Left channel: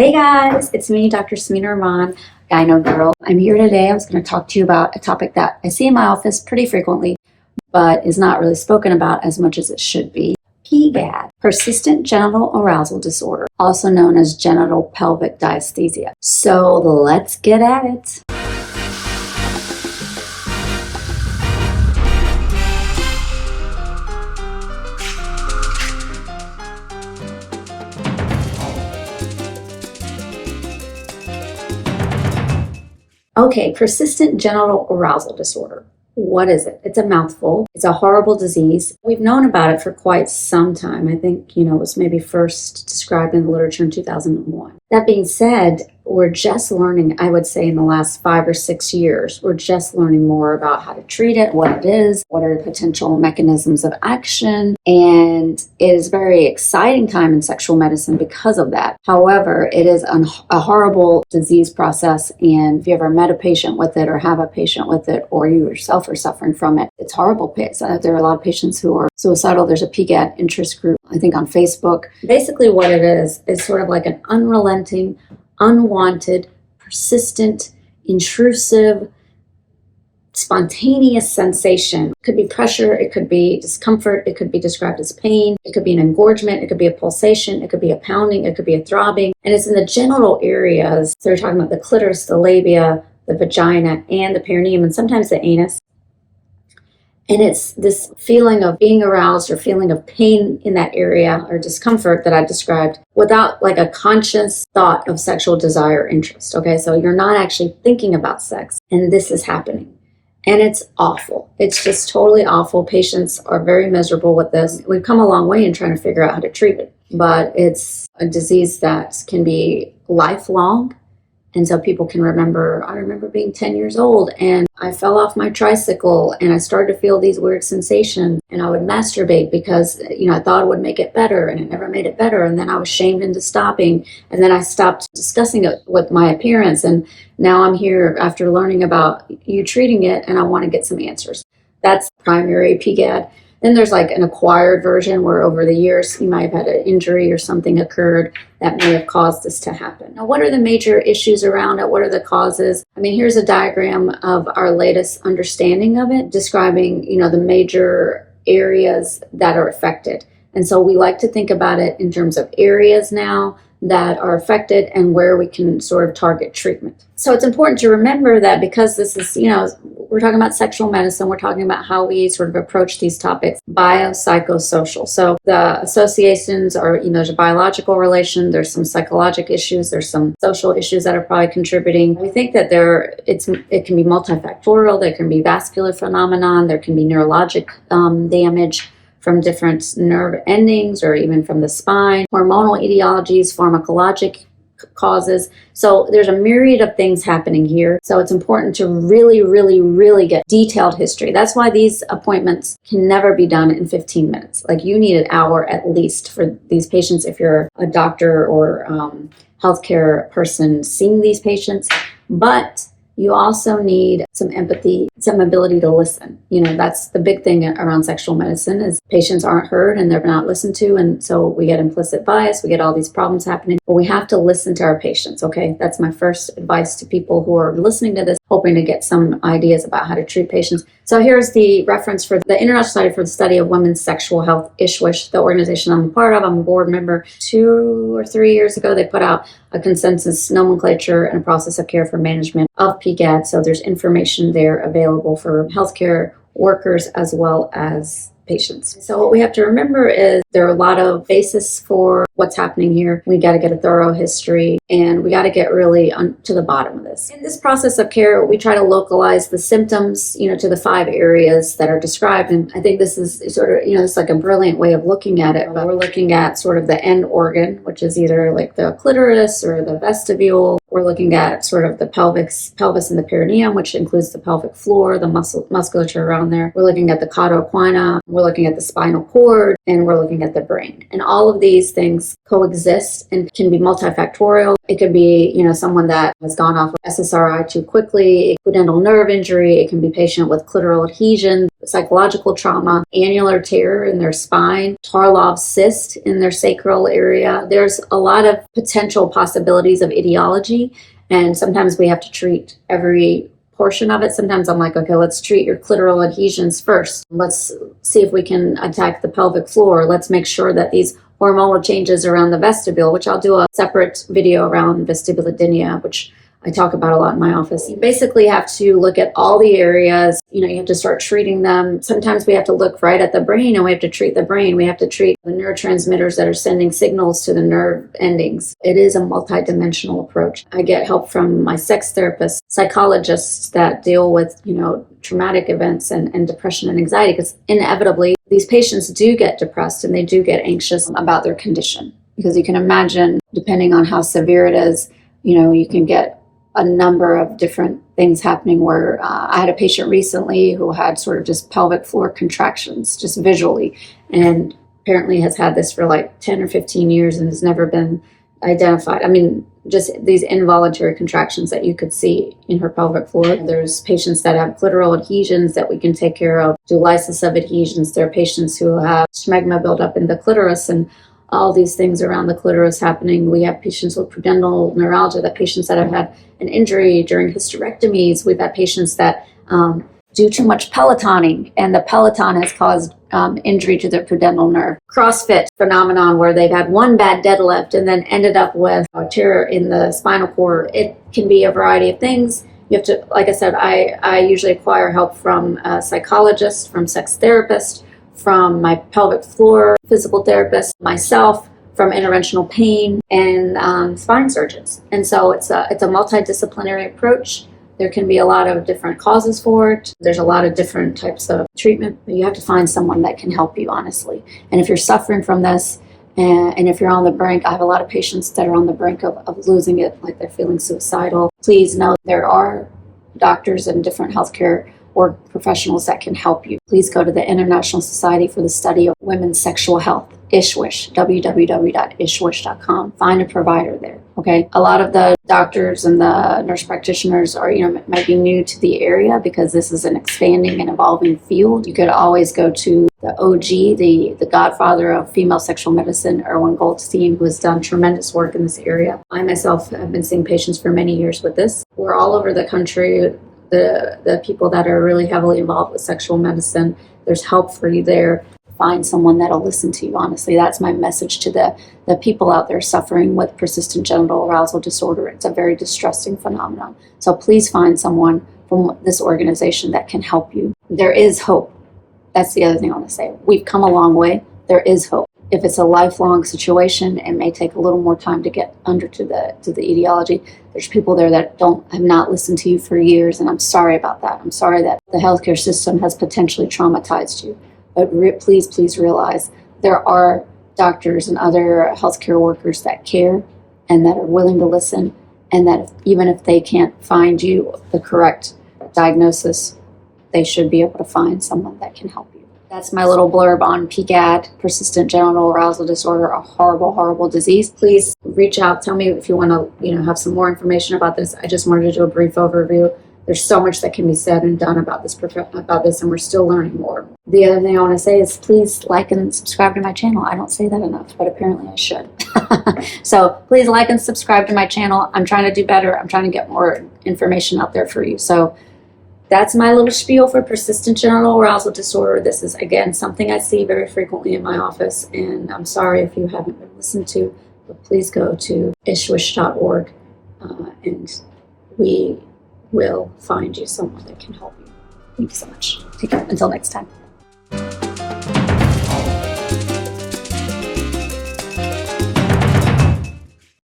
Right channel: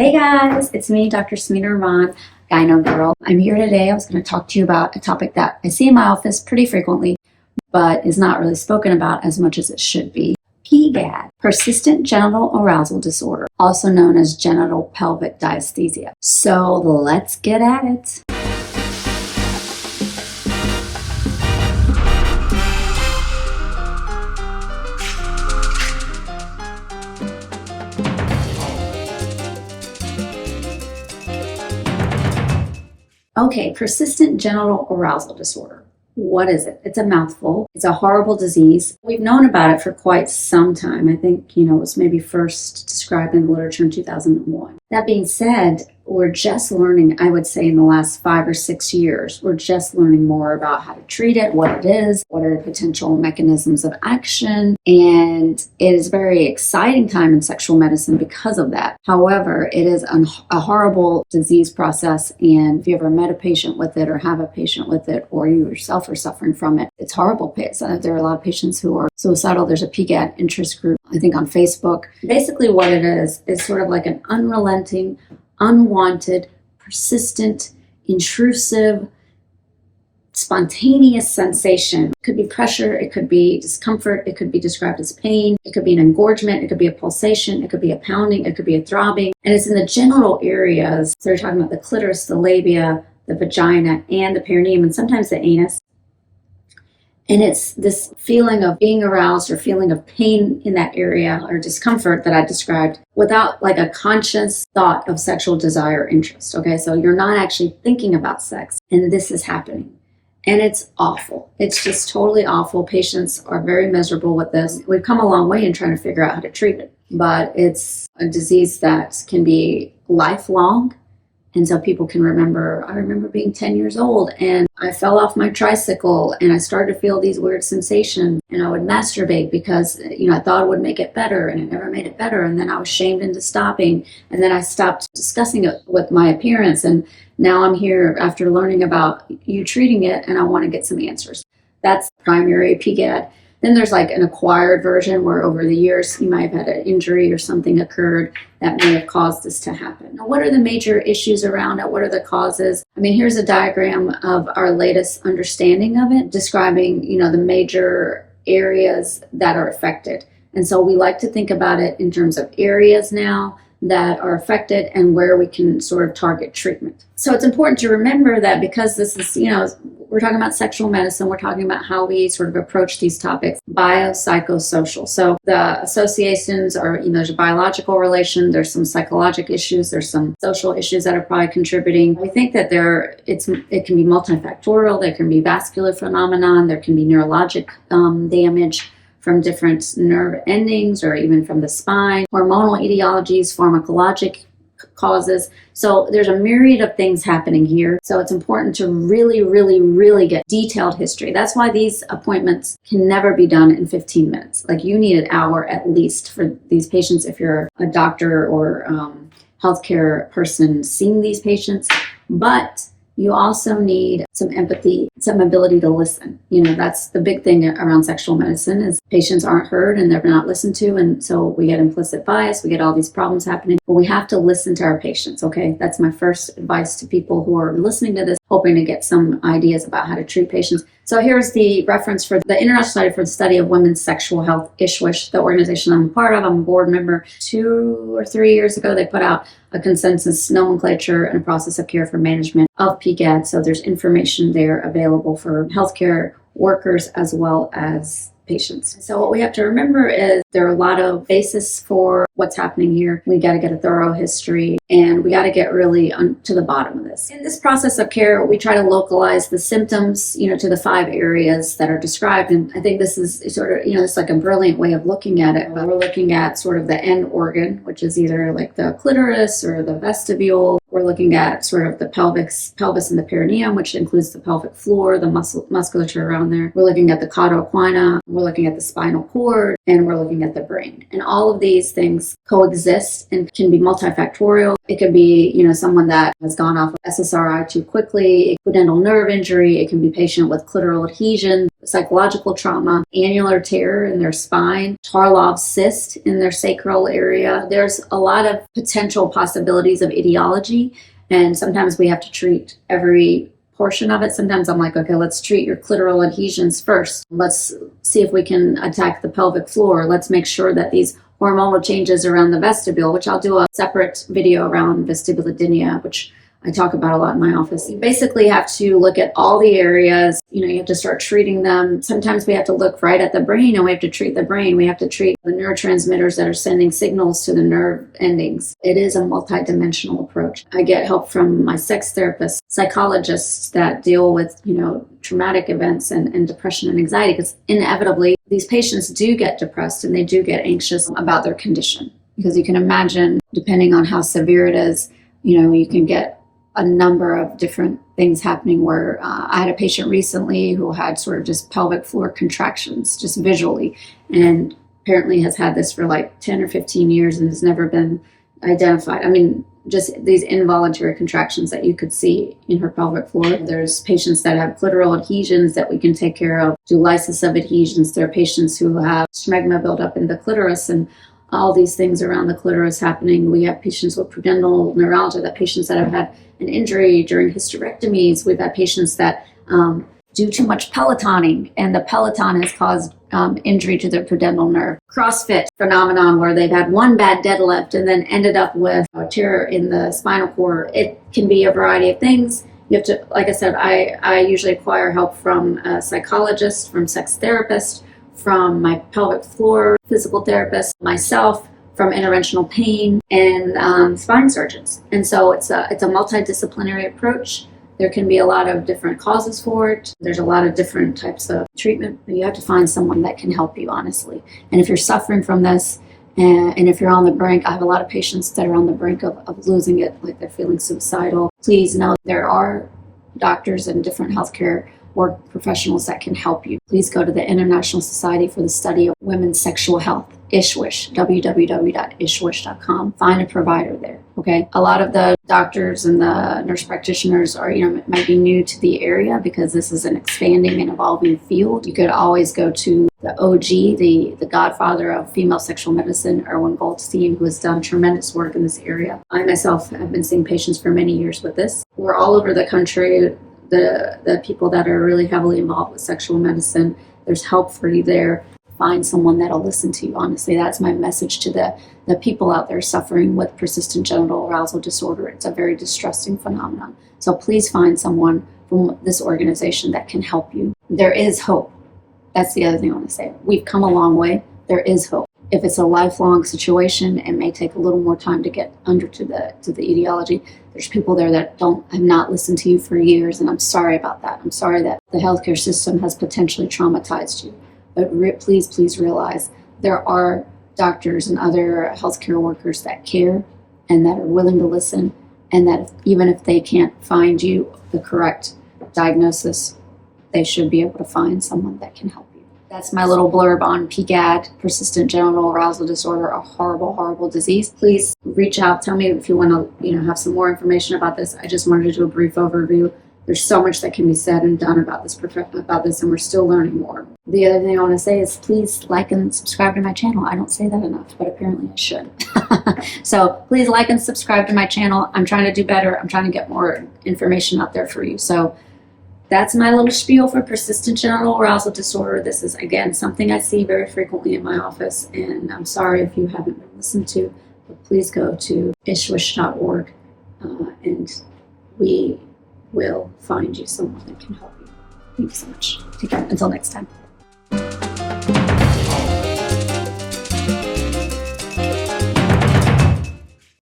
Hey guys, it's me, Dr. Smita Rahman, Gyno Girl. I'm here today. I was going to talk to you about a topic that I see in my office pretty frequently, but is not really spoken about as much as it should be. PGAD, Persistent Genital Arousal Disorder, also known as genital pelvic dysesthesia. So let's get at it. Okay, persistent genital arousal disorder. What is it? It's a mouthful. It's a horrible disease. We've known about it for quite some time. I think, it was maybe first described in the literature in 2001. That being said, we're just learning, I would say in the last 5 or 6 years, we're just learning more about how to treat it, what it is, what are the potential mechanisms of action, and it is a very exciting time in sexual medicine because of that. However, it is a horrible disease process, and if you ever met a patient with it or have a patient with it, or you yourself are suffering from it, it's horrible. There are a lot of patients who are suicidal. There's a PGAD interest group, I think on Facebook. Basically what it is sort of like an unrelenting, unwanted, persistent, intrusive, spontaneous sensation. It could be pressure, it could be discomfort, it could be described as pain, it could be an engorgement, it could be a pulsation, it could be a pounding, it could be a throbbing, and it's in the genital areas. So we're talking about the clitoris, the labia, the vagina, and the perineum, and sometimes the anus. And it's this feeling of being aroused or feeling of pain in that area or discomfort that I described without like a conscious thought of sexual desire or interest. Okay, so you're not actually thinking about sex, and this is happening. And it's awful. It's just totally awful. Patients are very miserable with this. We've come a long way in trying to figure out how to treat it, but it's a disease that can be lifelong. And so people can remember, I remember being 10 years old and I fell off my tricycle and I started to feel these weird sensations, and I would masturbate because, I thought it would make it better, and it never made it better. And then I was shamed into stopping, and then I stopped discussing it with my appearance. And now I'm here after learning about you treating it, and I want to get some answers. That's primary PGAD. Then there's like an acquired version where over the years you might have had an injury or something occurred that may have caused this to happen. Now, what are the major issues around it? What are the causes? Here's a diagram of our latest understanding of it, describing, the major areas that are affected. And so we like to think about it in terms of areas now that are affected and where we can sort of target treatment. So it's important to remember that because this is, we're talking about sexual medicine, we're talking about how we sort of approach these topics, biopsychosocial. So the associations are, there's a biological relation, there's some psychological issues, there's some social issues that are probably contributing. We think that it can be multifactorial, there can be vascular phenomenon, there can be neurologic damage from different nerve endings or even from the spine, hormonal etiologies, pharmacologic causes. So there's a myriad of things happening here. So it's important to really, really, really get detailed history. That's why these appointments can never be done in 15 minutes. Like you need an hour at least for these patients if you're a doctor or healthcare person seeing these patients. But you also need some empathy, some ability to listen. That's the big thing around sexual medicine is patients aren't heard and they're not listened to. And so we get implicit bias, we get all these problems happening, but we have to listen to our patients, okay? That's my first advice to people who are listening to this, hoping to get some ideas about how to treat patients. So here's the reference for the International Society for the Study of Women's Sexual Health, ISWISH, the organization I'm a part of. I'm a board member. 2 or 3 years ago, they put out a consensus nomenclature and a process of care for management of PGAD. So there's information there available for healthcare workers as well as patients. So what we have to remember is there are a lot of basis for what's happening here. We got to get a thorough history and we got to get really to the bottom of this. In this process of care, we try to localize the symptoms, to the 5 areas that are described. And I think this is sort of, it's like a brilliant way of looking at it. But we're looking at sort of the end organ, which is either like the clitoris or the vestibule We're looking at sort of the pelvis and the perineum, which includes the pelvic floor, the musculature around there. We're looking at the cauda equina. We're looking at the spinal cord, and we're looking at the brain. And all of these things coexist and can be multifactorial. It could be, someone that has gone off of SSRI too quickly, pudendal nerve injury. It can be a patient with clitoral adhesion, psychological trauma, annular tear in their spine, Tarlov's cyst in their sacral area. There's a lot of potential possibilities of etiology, and sometimes we have to treat every portion of it. Sometimes I'm like, okay, let's treat your clitoral adhesions first. Let's see if we can attack the pelvic floor. Let's make sure that these hormonal changes around the vestibule, which I'll do a separate video around vestibulodynia, which I talk about a lot in my office. You basically have to look at all the areas. You have to start treating them. Sometimes we have to look right at the brain, and we have to treat the brain. We have to treat the neurotransmitters that are sending signals to the nerve endings. It is a multidimensional approach. I get help from my sex therapists, psychologists that deal with, traumatic events and depression and anxiety, because inevitably these patients do get depressed and they do get anxious about their condition. Because you can imagine, depending on how severe it is, you can get a number of different things happening where I had a patient recently who had sort of just pelvic floor contractions, just visually, and apparently has had this for like 10 or 15 years and has never been identified. I mean, just these involuntary contractions that you could see in her pelvic floor. There's patients that have clitoral adhesions that we can take care of, do lysis of adhesions. There are patients who have smegma buildup in the clitoris and all these things around the clitoris happening. We have patients with pudendal neuralgia, that patients that have had an injury during hysterectomies. We've had patients that do too much Pelotoning, and the Peloton has caused injury to their pudendal nerve. CrossFit phenomenon where they've had one bad deadlift and then ended up with a tear in the spinal cord. It can be a variety of things. You have to, like I said, I usually acquire help from a psychologist, from sex therapist, from my pelvic floor physical therapist, myself, from interventional pain, and spine surgeons. And so it's a multidisciplinary approach. There can be a lot of different causes for it. There's a lot of different types of treatment, but you have to find someone that can help you, honestly. And if you're suffering from this, and if you're on the brink, I have a lot of patients that are on the brink of losing it, like they're feeling suicidal. Please know there are doctors and different healthcare or professionals that can help you. Please go to the International Society for the Study of Women's Sexual Health, ISWISH, www.ishwish.com. Find a provider there, okay? A lot of the doctors and the nurse practitioners are, might be new to the area because this is an expanding and evolving field. You could always go to the OG, the godfather of female sexual medicine, Erwin Goldstein, who has done tremendous work in this area. I myself have been seeing patients for many years with this. We're all over the country. The people that are really heavily involved with sexual medicine, there's help for you there. Find someone that'll listen to you. Honestly, that's my message to the people out there suffering with persistent genital arousal disorder. It's a very distressing phenomenon. So please find someone from this organization that can help you. There is hope. That's the other thing I want to say. We've come a long way. There is hope. If it's a lifelong situation, it may take a little more time to get under to the etiology. There's people there that have not listened to you for years, and I'm sorry about that. I'm sorry that the healthcare system has potentially traumatized you. But please realize there are doctors and other healthcare workers that care and that are willing to listen, and that even if they can't find you the correct diagnosis, they should be able to find someone that can help you. That's my little blurb on PGAD, Persistent Genital Arousal Disorder, a horrible, horrible disease. Please reach out. Tell me if you want to, have some more information about this. I just wanted to do a brief overview. There's so much that can be said and done about this, and we're still learning more. The other thing I want to say is please like and subscribe to my channel. I don't say that enough, but apparently I should. So please like and subscribe to my channel. I'm trying to do better. I'm trying to get more information out there for you. So that's my little spiel for persistent genital arousal disorder. This is, again, something I see very frequently in my office, and I'm sorry if you haven't been listened to, but please go to ishwish.org, and we will find you someone that can help you. Thank you so much. Take care. Until next time.